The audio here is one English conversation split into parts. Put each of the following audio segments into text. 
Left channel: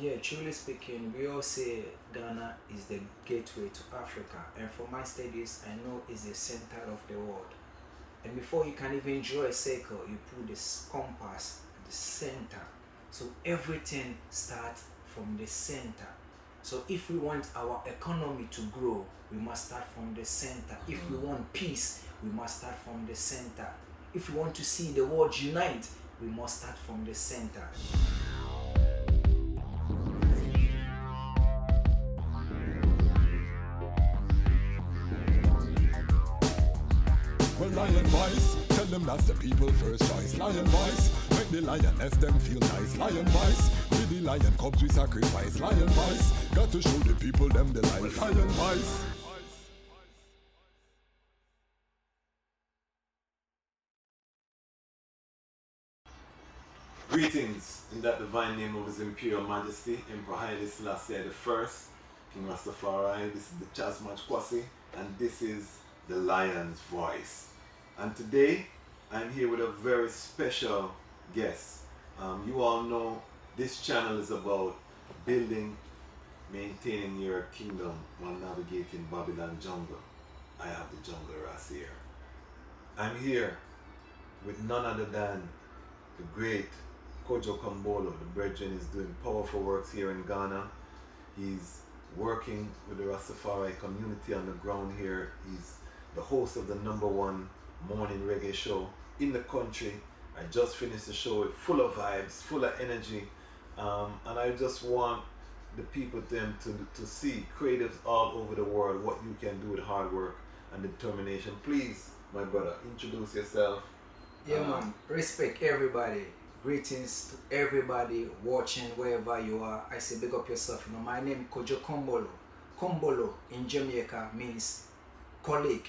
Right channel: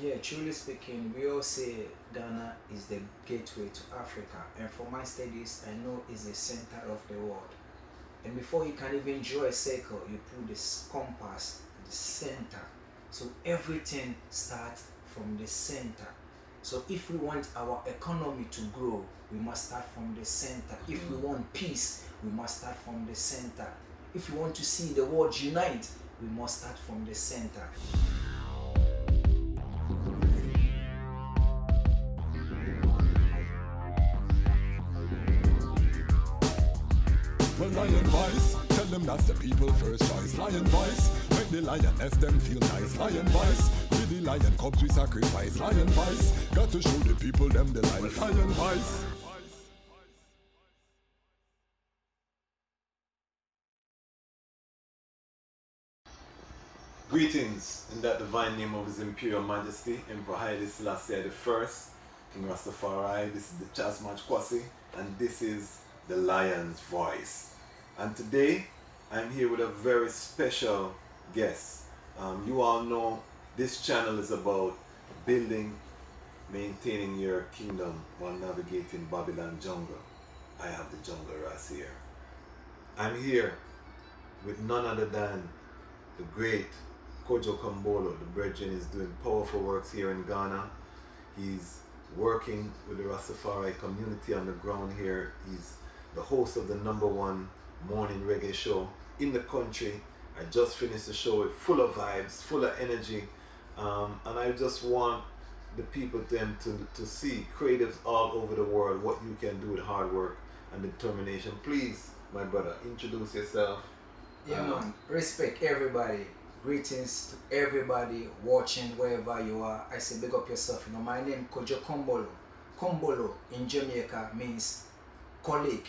Yeah, truly speaking, we all say Ghana is the gateway to Africa, and for my studies, I know it's the center of the world. And before you can even draw a circle, you put this compass at the center. So everything starts from the center. So if we want our economy to grow, we must start from the center. If we want peace, we must start from the center. If we want to see the world unite, we must start from the center. Well, lion voice, tell them that's the people first choice. Lion voice, make the lioness them feel nice. Lion voice, with the lion cubs we sacrifice. Lion voice, got to show the people them the life. Lion voice. Greetings in that divine name of His Imperial Majesty, Emperor Haile Selassie the First, King Rastafari. This is the Dejazmatch Kwasi, and this is the Lion's Voice. And today, I'm here with a very special guest. You all know this channel is about building, maintaining your kingdom while navigating Babylon jungle. I have the jungle Rasta here. I'm here with none other than the great Kojo Kombolo. The brethren is doing powerful works here in Ghana. He's working with the Rastafari community on the ground here. He's the host of the #1 morning reggae show in the country. I just finished the show with full of vibes, full of energy, and I just want the people them to see creatives all over the world what you can do with hard work and determination. Please, my brother, introduce yourself. Yeah, man. Respect everybody. Greetings to everybody watching wherever you are. I say big up yourself. You know, my name Kojo Kombolo. Kombolo in Jamaica means colleague,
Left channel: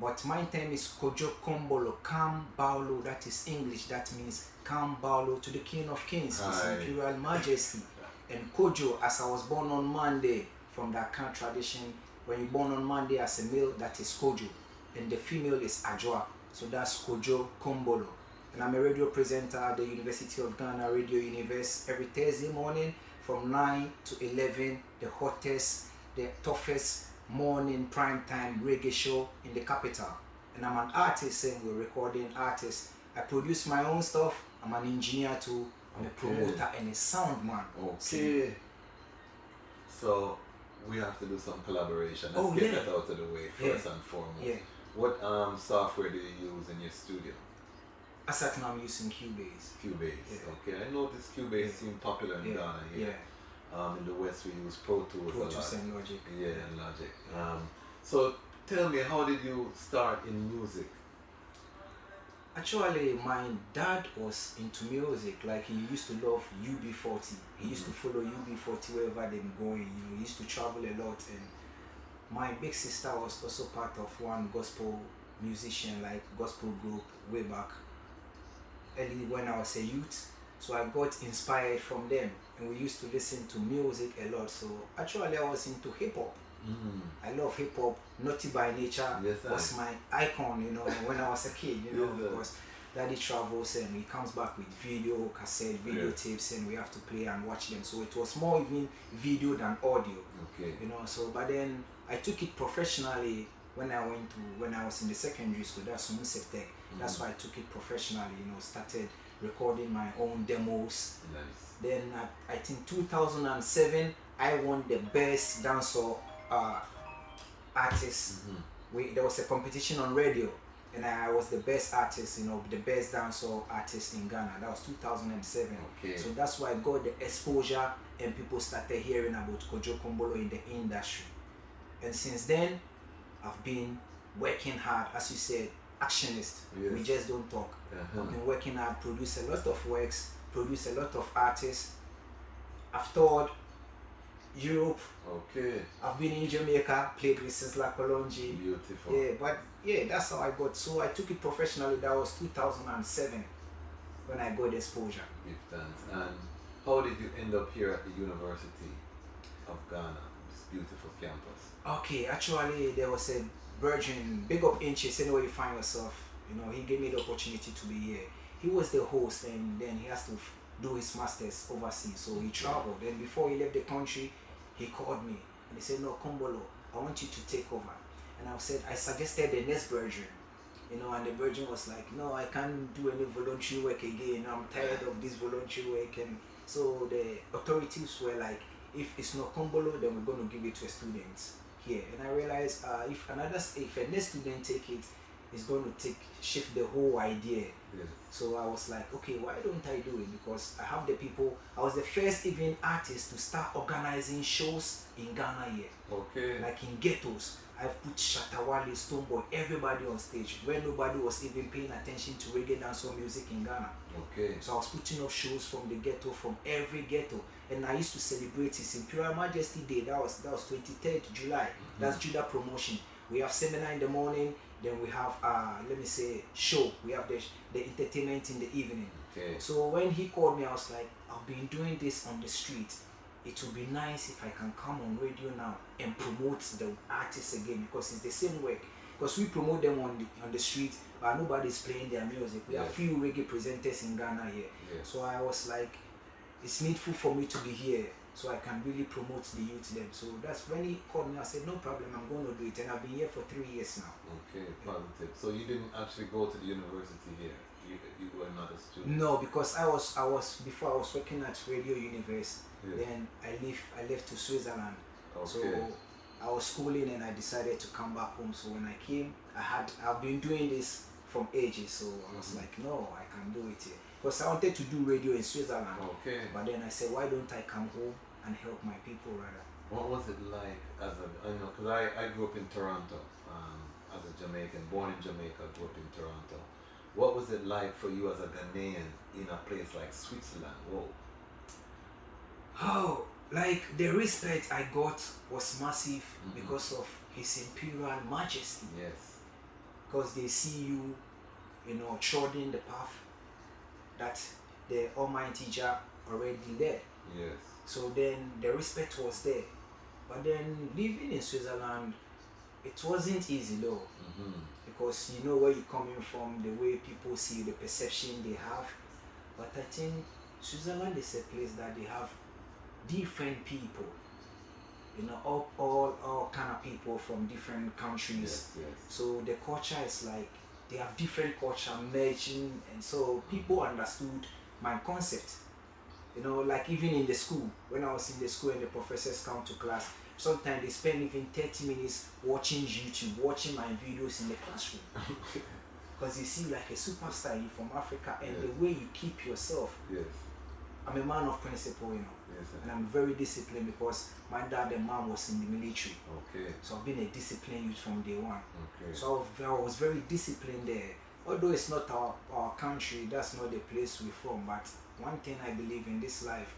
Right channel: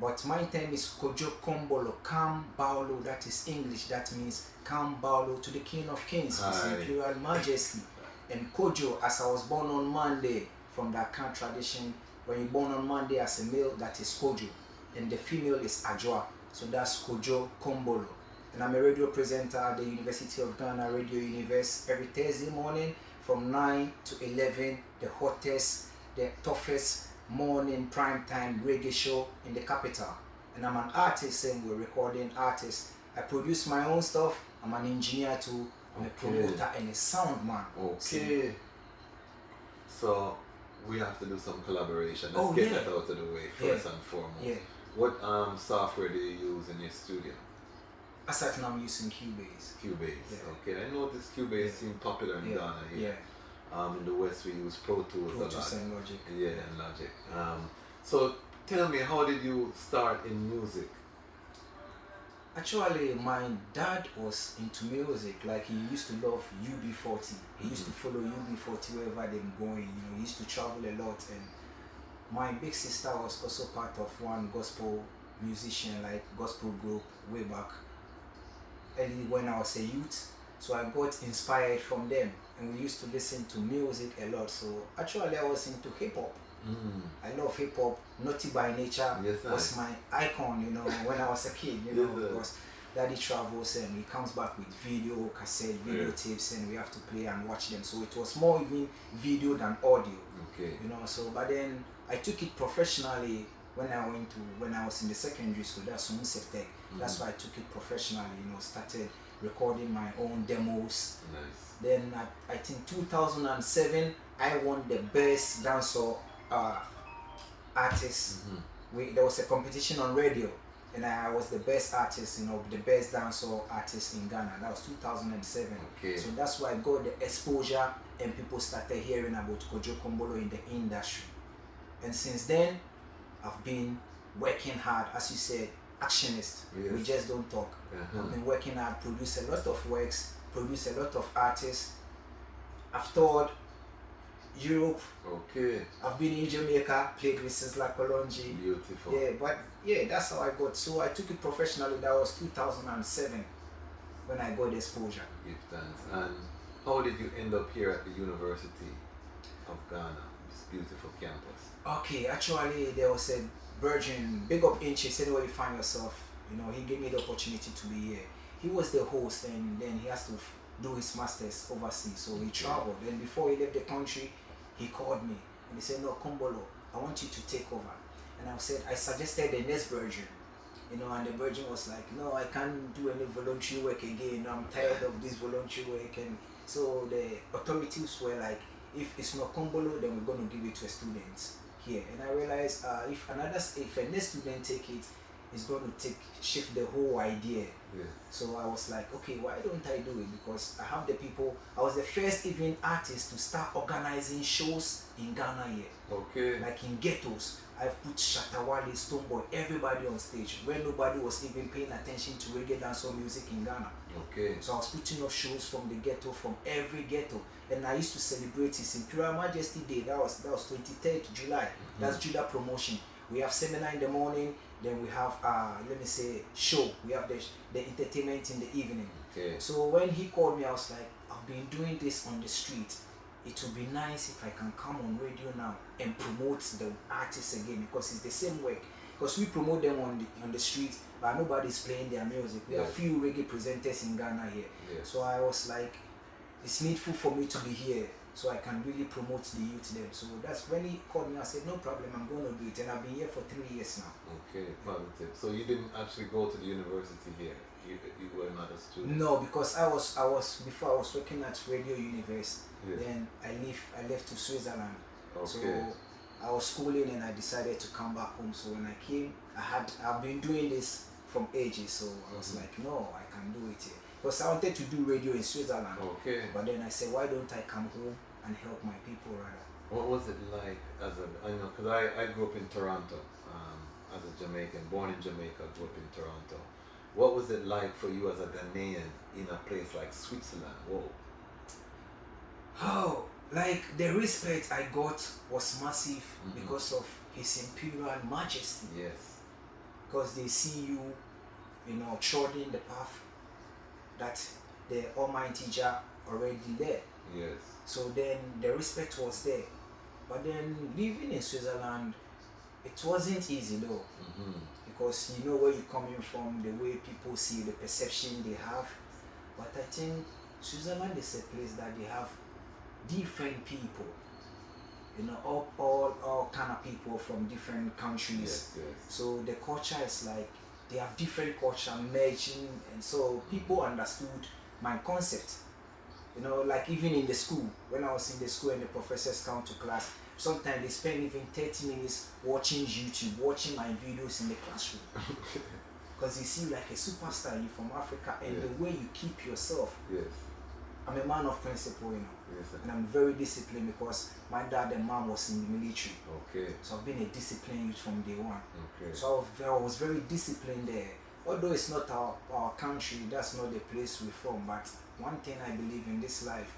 but my name is Kojo Kombolo. Kambalo, that is English. That means Kambalo to the King of Kings, His Imperial Majesty. And Kojo, as I was born on Monday, from the Akan tradition, when you're born on Monday as a male, that is Kojo, and the female is Ajwa. So that's Kojo Kombolo. And I'm a radio presenter at the University of Ghana Radio Universe every Thursday morning from 9 to 11, the hottest, the toughest morning primetime reggae show in the capital. And I'm an artist, and we're recording artist. I produce my own stuff. I'm an engineer too. I'm a promoter and a sound man. Okay. So we have to do some collaboration. Let's get that out of the way first and foremost. Yeah. What software do you use in your studio? Aside now I'm using Cubase. Cubase. Okay. I noticed Cubase seems popular in Ghana here. In the West we use Pro Tools a lot. And Logic. Yeah, and Logic. So tell me, how did you start in music? Actually, my dad was into music. Like, he used to love UB40. He used to follow UB40 wherever they're going. You know, he used to travel a lot. And my big sister was also part of one gospel musician, like gospel group, way back early when I was a youth. So I got inspired from them, and we used to listen to music a lot. So actually I was into hip hop. I love hip hop. Naughty by Nature was my icon, you know, when I was a kid, you know, because Daddy travels and he comes back with video, cassette, video tapes, and we have to play and watch them. So it was more even video than audio. You know, so but then I took it professionally when I was in the secondary school. That's Tech. That's why I took it professionally, you know, started recording my own demos. Then I think 2007 I won the best dancehall artist. There was a competition on radio, and I was the best artist, you know, the best dancehall artist in Ghana. That was 2007. So that's why I got the exposure, and people started hearing about Kojo Kombolo in the industry. And since then, I've been working hard, as you said, Actionist. We just don't talk. I've been working hard, produce a lot of works, produce a lot of artists. I've toured Europe. I've been in Jamaica, played with Sinsla Kolonji. Beautiful. Yeah, but yeah, that's how I got. So I took it professionally. That was 2007 when I got exposure. Give thanks. And how did you end up here at the University of Ghana, this beautiful campus? Okay, actually there was a virgin, big up Inches, anywhere you find yourself. You know, he gave me the opportunity to be here. He was the host, and then he has to do his masters overseas. So he traveled. Then before he left the country, he called me and he said, "No, Kombolo, I want you to take over." And I suggested the next version, and the virgin was like, "No, I can't do any voluntary work again. I'm tired of this voluntary work." And so the authorities were like, "If it's not Kombolo, then we're going to give it to a student here." And I realized if a next student take it, it's going to shift the whole idea. Yeah. So I was like, okay, why don't I do it? Because I have the people. I was the first even artist to start organizing shows in Ghana here. Okay. Like in ghettos. I've put Shatawale, Stoneboy, everybody on stage when nobody was even paying attention to reggae dancehall music in Ghana. Okay. So I was putting up shows from the ghetto, from every ghetto, and I used to celebrate His Imperial Majesty Day. That was 23rd July. That's Judah promotion. We have seminar in the morning, then we have show. We have the entertainment in the evening. Okay. So when he called me, I was like, I've been doing this on the street. It would be nice if I can come on radio now and promote the artists again, because it's the same work. Because we promote them on the street, but nobody's playing their music. We have few reggae presenters in Ghana here. Yes. So I was like, it's needful for me to be here so I can really promote the youth then. So that's when he called me. I said, no problem, I'm going to do it. And I've been here for 3 years now. Okay, positive. So you didn't actually go to the university here? You were not a student? No, because I was before I was working at Radio Universe. Yes. Then I left to Switzerland. Okay. So I was schooling and I decided to come back home. So when I came, I've been doing this from ages. So I was like, no, I can do it here. Because I wanted to do radio in Switzerland. Okay. But then I said, why don't I come home and help my people rather? What was it like because I grew up in Toronto as a Jamaican, born in Jamaica, grew up in Toronto. What was it like for you as a Ghanaian in a place like Switzerland? Whoa. Oh, like the respect I got was massive because of His Imperial Majesty. Yes. Because they see you, treading the path that the Almighty Jah already there. Yes. So then the respect was there. But then living in Switzerland, it wasn't easy though. Because you know where you're coming from, the way people see you, the perception they have. But I think Switzerland is a place that they have different people, all kind of people from different countries. Yes, yes. So the culture is like they have different culture merging, and so people understood my concept. Like even in the school, when I was in the school and the professors come to class, sometimes they spend even 30 minutes watching YouTube, watching my videos in the classroom. Because they see like a superstar, you from Africa, and the way you keep yourself. Yes. I'm a man of principle, Yes, sir. and I'm very disciplined because my dad and mom was in the military. Okay. So I've been a disciplined youth from day one. Okay. So I was very disciplined there. Although it's not our country, that's not the place we're from. But one thing I believe in this life,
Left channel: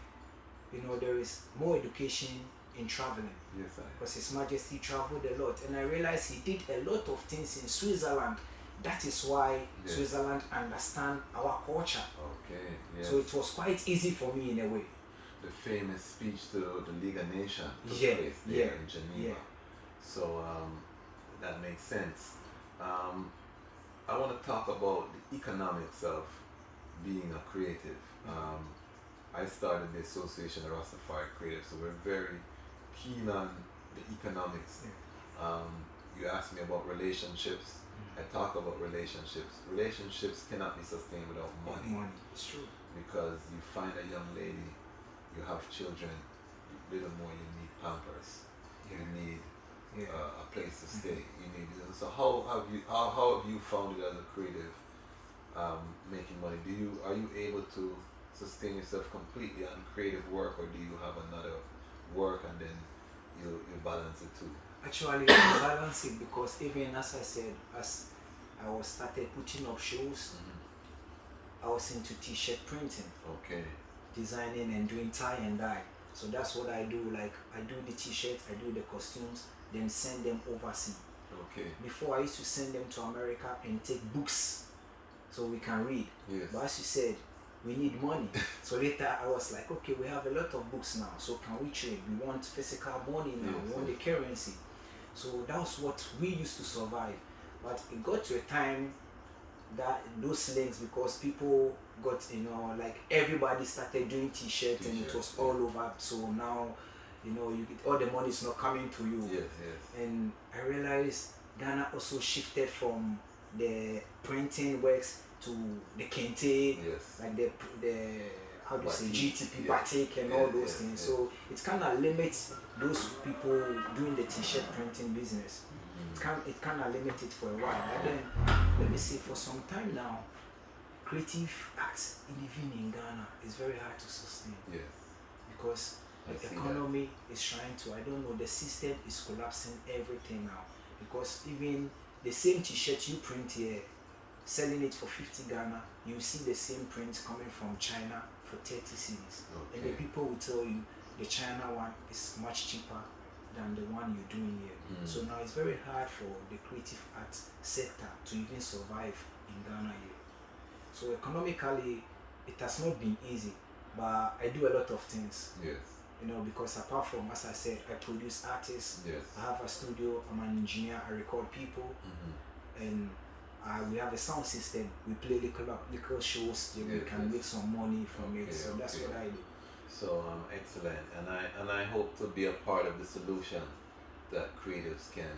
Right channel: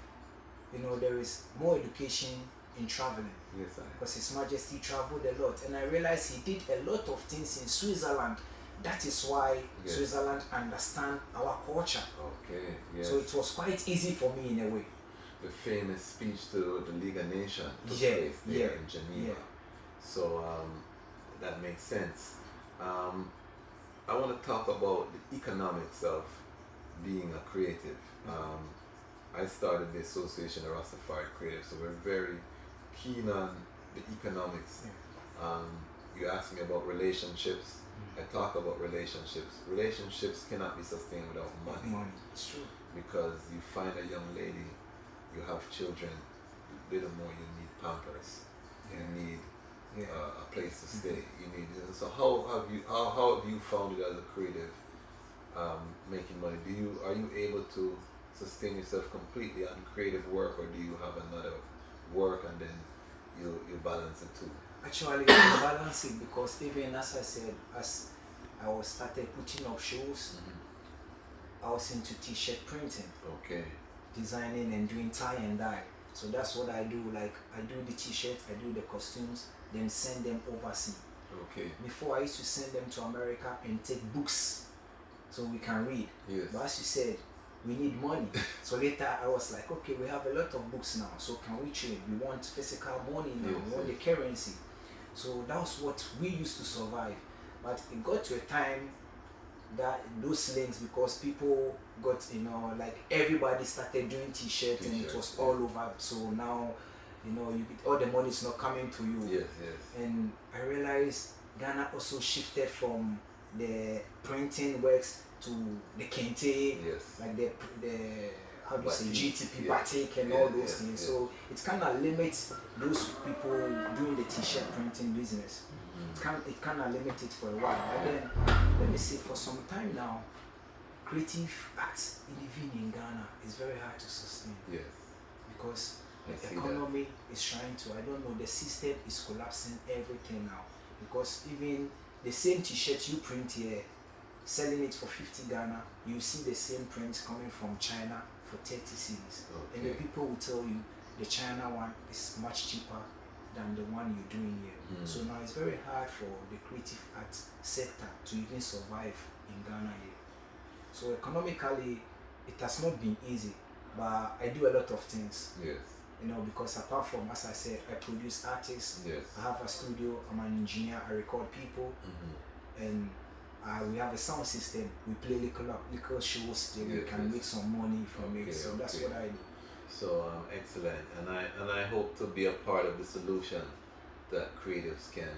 there is more education in traveling. Yes, sir. Because His Majesty traveled a lot, and I realized he did a lot of things in Switzerland. That is why Switzerland understand our culture. Okay. Yes. So it was quite easy for me in a way. The famous speech to the League of Nations took Yeah, place there yeah, in Geneva. yeah. So that makes sense. I want to talk about the economics of being a creative. I started the Association of Rastafari Creatives, so we're very keen on the economics. Yeah. You asked me about relationships. I talk about relationships. Relationships cannot be sustained without money. Money, it's true. Because you find a young lady, you have children, little more you need Pampers, you need a place to stay. You need. So how have you found it as a creative, making money? Are you able to sustain yourself completely on creative work, or do you have another work and then you balance it too? Actually, I balance it because even as I said, as I was started putting up shows, I was into t-shirt printing. Okay. Designing and doing tie and dye. So that's what I do. Like I do the t-shirts, I do the costumes, then send them overseas. Okay. Before I used to send them to America and take books so we can read. Yes. But as you said, we need money. So later I was like, okay, we have a lot of books now. So can we trade? We want physical money now. We want the currency. So that was what we used to survive. But it got to a time those links because people got, like everybody started doing t-shirts and it was all over. So now, you get all the money is not coming to you. Yes. And I realized Ghana also shifted from the printing works to the kente, like the how do you say, GTP, batik and all those things. So it kind of limits those people doing the t-shirt printing business. It kind of limits it for a while. But then, let me say, for some time now, creative acts living in Ghana is very hard to sustain. Yes. Because the economy is trying to, I don't know, the system is collapsing everything now. Because even the same t-shirt you print here, selling it for 50 Ghana, you see the same print coming from China for 30 cedis. And the people will tell you the China one is much cheaper than the one you're doing here. So now it's very hard for the creative arts sector to even survive in Ghana here. So economically, it has not been easy, but I do a lot of things. Yes. Because apart from, as I said, I produce artists. Yes. I have a studio. I'm an engineer. I record people, and we have a sound system. We play little shows. Then we can make some money from it. So that's what I do. So excellent, and I hope to be a part of the solution that creatives can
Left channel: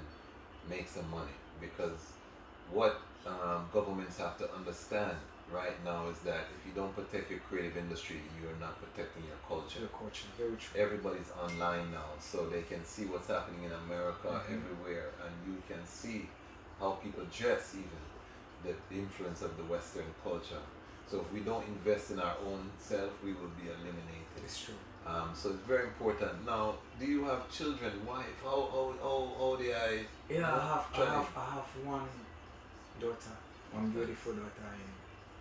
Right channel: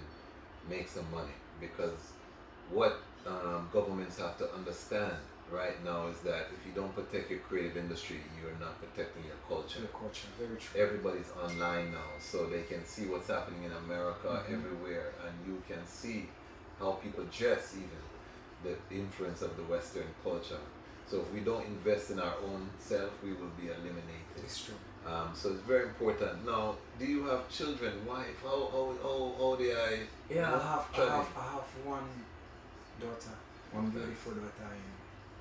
make some money, because what governments have to understand right now is that if you don't protect your creative industry, you're not protecting your culture. Your culture, very true. Everybody's online now, so they can see what's happening in America everywhere, and you can see how people dress, even the influence of the Western culture. So if we don't invest in our own self, we will be eliminated. It's true. So it's very important. Now, do you have children, wife? How old are I? Yeah, I have one daughter, one beautiful daughter, and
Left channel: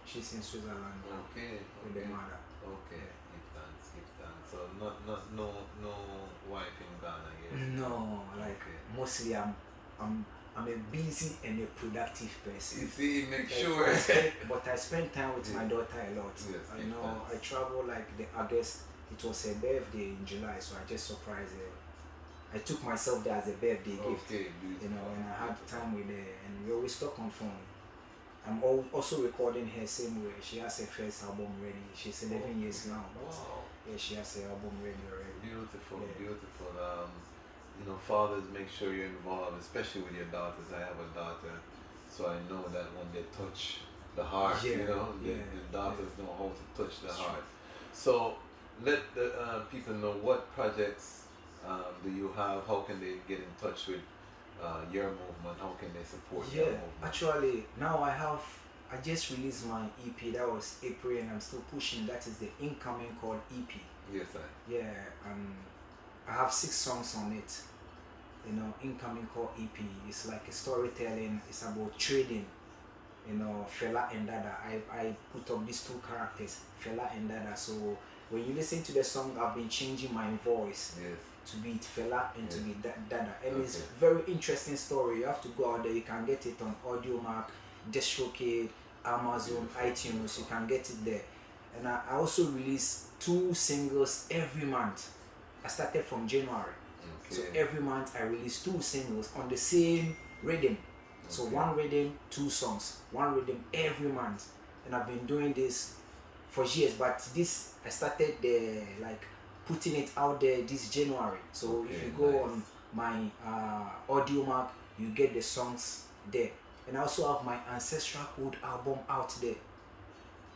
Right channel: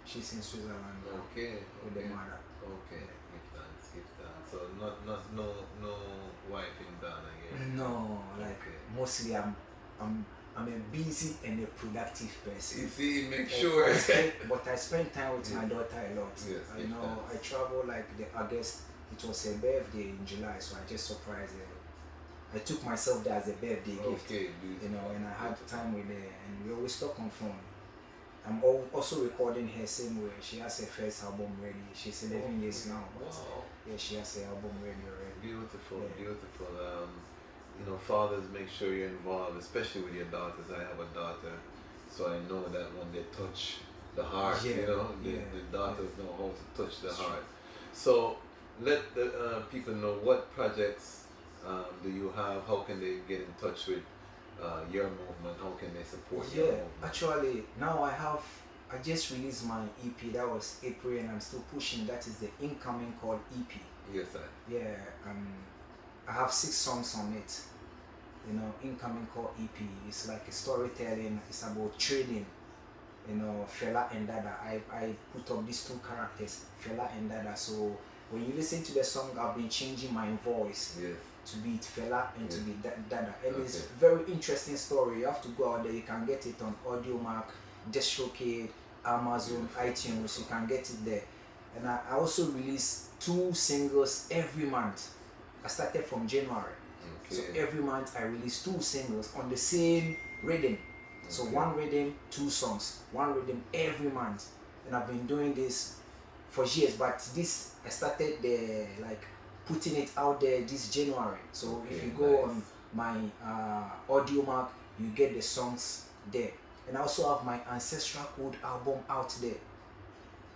she's in Switzerland. With the mother. Okay, keep that. So no wife in Ghana yet. No, mostly I'm a busy and a productive person. You see, make sure. But I spend time with my daughter a lot. Yes, I travel like the August. It was her birthday in July, so I just surprised her. I took myself there as a birthday gift. And I had time with her, and we always talk on phone. I'm also recording her same way. She has her first album ready. She's 11 years now, but yeah, she has her album ready already. Beautiful. Fathers, make sure you're involved, especially with your daughters. I have a daughter, so I know that when they touch the heart, the daughters know how to touch the heart. So let the people know what projects do you have, how can they get in touch with your movement, how can they support your movement? Actually, now I just released my EP. That was April, and I'm still pushing. That is the incoming called EP. Yes, I have 6 songs on it. Incoming called EP. It's like a storytelling. It's about trading. Fela and Dada. I put up these 2 characters, Fela and Dada. So when you listen to the song, I've been changing my voice to be Fela and to be Dada. And it's a very interesting story. You have to go out there. You can get it on AudioMark, DistroKid, Amazon, iTunes. You can get it there. And I also release 2 singles every month. I started from January. So every month I release 2 singles on the same rhythm. So 1 rhythm, 2 songs. 1 rhythm every month. And I've been doing this for years, but this I started putting it out there this January. So if you go on my AudioMark, you get the songs there. And I also have my Ancestral Code album out there.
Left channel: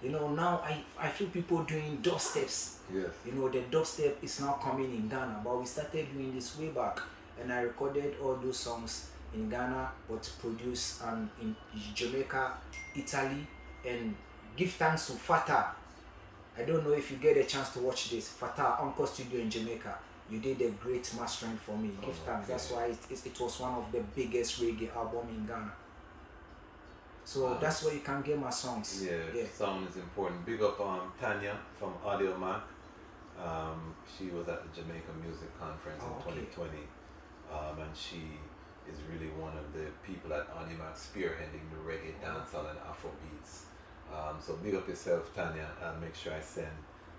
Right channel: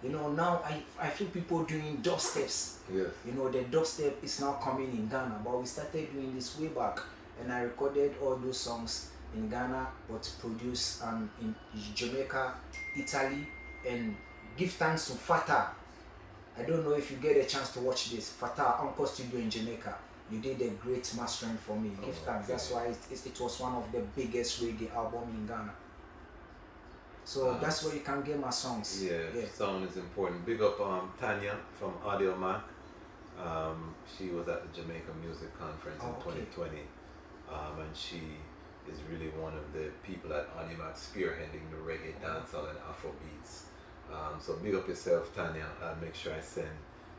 Now I feel people doing dubsteps. Yes. The dubstep is now coming in Ghana, but we started doing this way back, and I recorded all those songs in Ghana, but produced in Jamaica, Italy, and give thanks to Fata. I don't know if you get a chance to watch this. Fata, Uncle Studio in Jamaica. You did a great mastering for me. Give thanks. That's why it was one of the biggest reggae album in Ghana. So that's where you can get my songs. Sound is important. Big up Tanya from AudioMark. She was at the Jamaica Music Conference in 2020, and she is really one of the people at AudioMark spearheading the reggae, dancehall, and Afrobeats. So big up yourself, Tanya. I'll make sure I send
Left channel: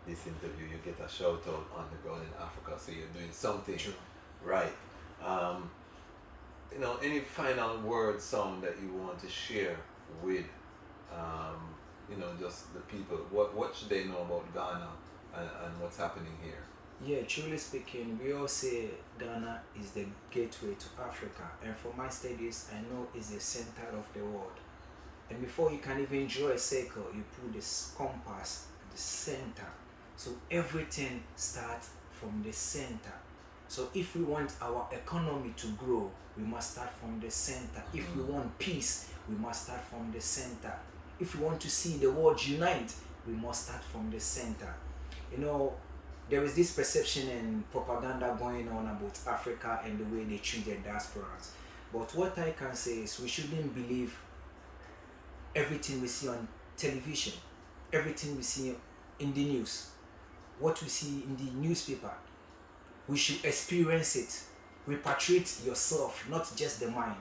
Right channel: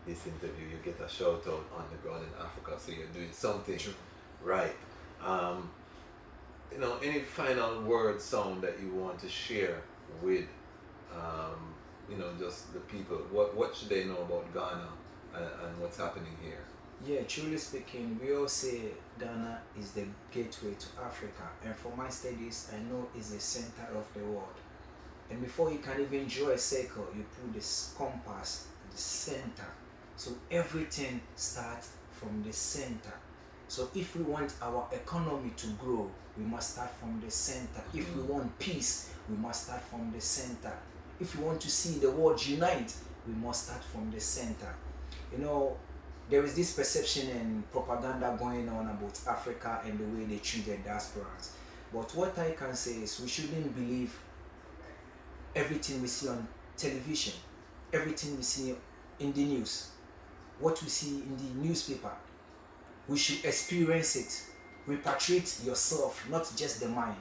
this interview. You get a shout out on the ground in Africa, so you're doing something right. Any final word, sound that you want to share with you know, just the people. What should they know about Ghana and what's happening here? Yeah, truly speaking, we all say Ghana is the gateway to Africa, and for my studies, I know it's the center of the world. And before you can even draw a circle, you put this compass at the center. So everything starts from the center. So if we want our economy to grow, we must start from the center. If we want peace, we must start from the center. If we want to see the world unite, we must start from the center. You know, there is this perception and propaganda going on about Africa and the way they treat their diasporans. But what I can say is we shouldn't believe everything we see on television, everything we see in the news, what we see in the newspaper. We should experience it. Repatriate yourself, not just the mind.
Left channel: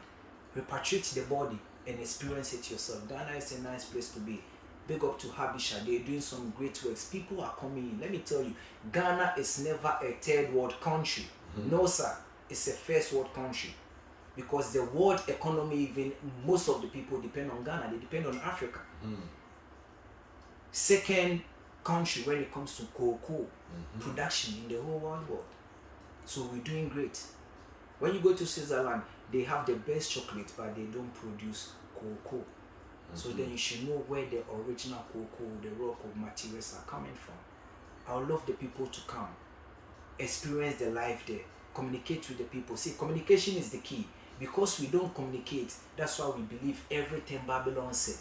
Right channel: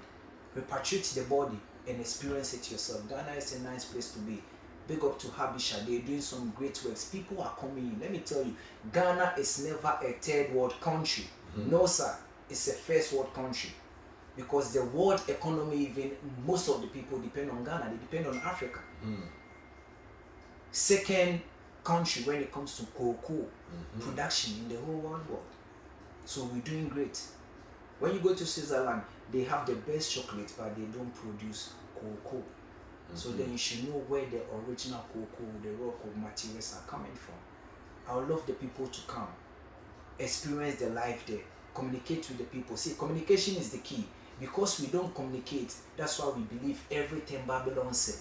Repatriate the body and experience it yourself. Ghana is a nice place to be. Big up to Habisha, they're doing some great works. People are coming in. Let me tell you, Ghana is never a third world country. No, sir, it's a first world country. Because the world economy, even most of the people depend on Ghana, they depend on Africa. Second country when it comes to cocoa production in the whole world. So we're doing great. When you go to Switzerland, they have the best chocolate, but they don't produce cocoa. So then you should know where the original cocoa, the raw cocoa materials are coming from. I would love the people to come, experience the life there, communicate with the people. See, communication is the key. Because we don't communicate, that's why we believe everything Babylon said.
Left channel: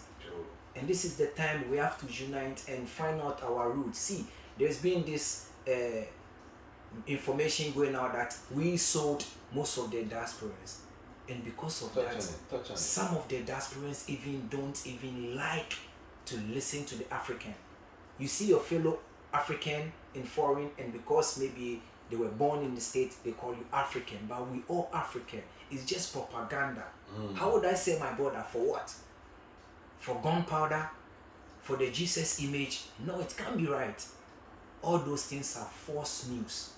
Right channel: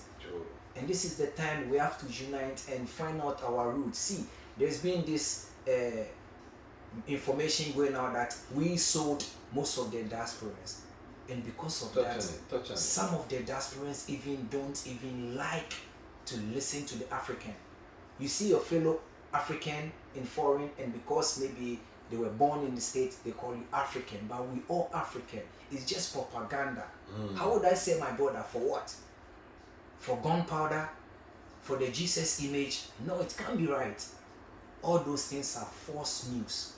And this is the time we have to unite and find out our roots. See, there's been this information going out that we sold most of the diasporans. And because of that, some of the diasporans even don't even like to listen to the African. You see your fellow African in foreign, and because maybe they were born in the States, they call you African, but we all African. It's just propaganda. How would I say, my brother, for what? For gunpowder? For the Jesus image? No, it can't be right. All those things are false news.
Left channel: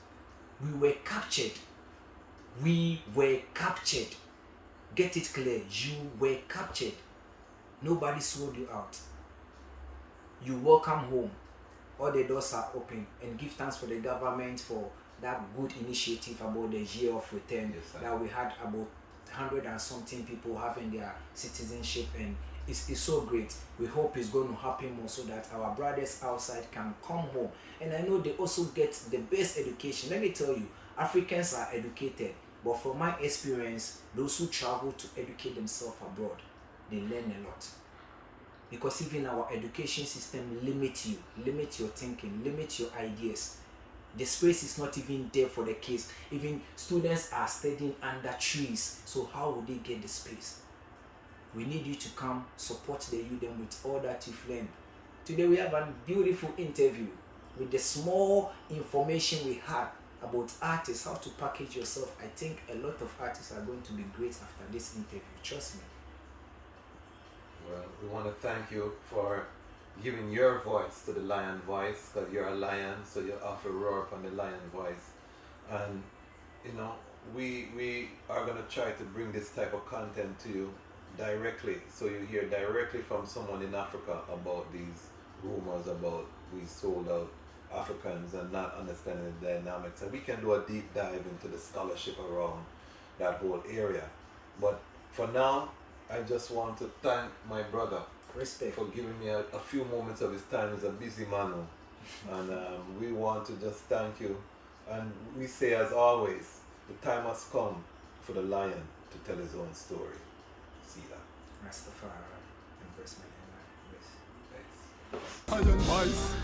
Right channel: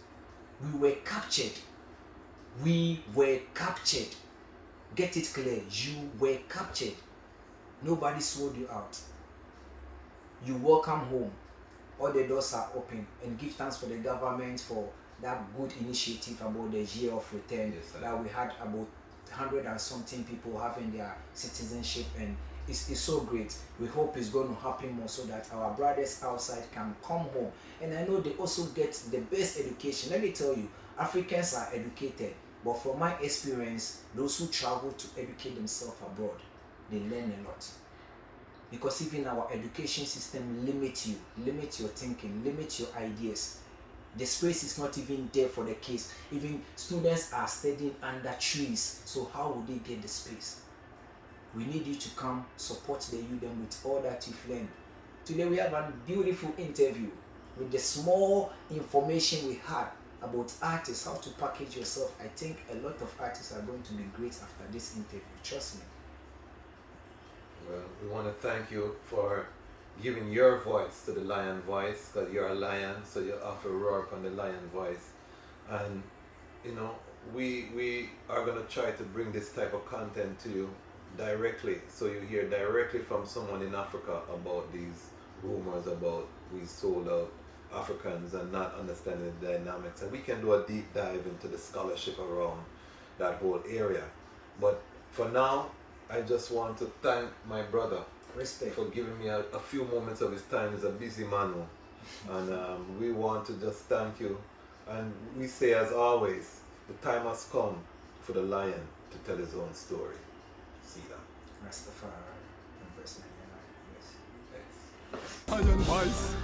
We were captured. We were captured. Get it clear. You were captured. Nobody sold you out. You welcome home. All the doors are open. And give thanks for the government for that good initiative about the year of return. Yes, that we had about 100 and something people having their citizenship, and it's so great. We hope it's going to happen more so that our brothers outside can come home. And I know they also get the best education. Let me tell you, Africans are educated, but from my experience, those who travel to educate themselves abroad, they learn a lot. Because even our education system limits you, limits your thinking, limits your ideas. The space is not even there for the kids. Even students are studying under trees. So how would they get the space? We need you to come support the youth with all that you've learned. Today we have a beautiful interview with the small information we had about artists, how to package yourself. I think a lot of artists are going to be great after this interview. Trust me. Well, we want to thank you for giving your voice to the lion voice, because you're a lion, so you have to roar up on the lion voice. And you know, we are going to try to bring this type of content to you directly, so you hear directly from someone in Africa about these rumors about we sold out Africans and not understanding the dynamics. And we can do a deep dive into the scholarship around that whole area. But for now, I just want to thank my brother for giving me a few moments of his time. He's a busy man now. And we want to just thank you. And we say, as always, the time has come for the lion to tell his own story. See that. Rastafari. Lion voice.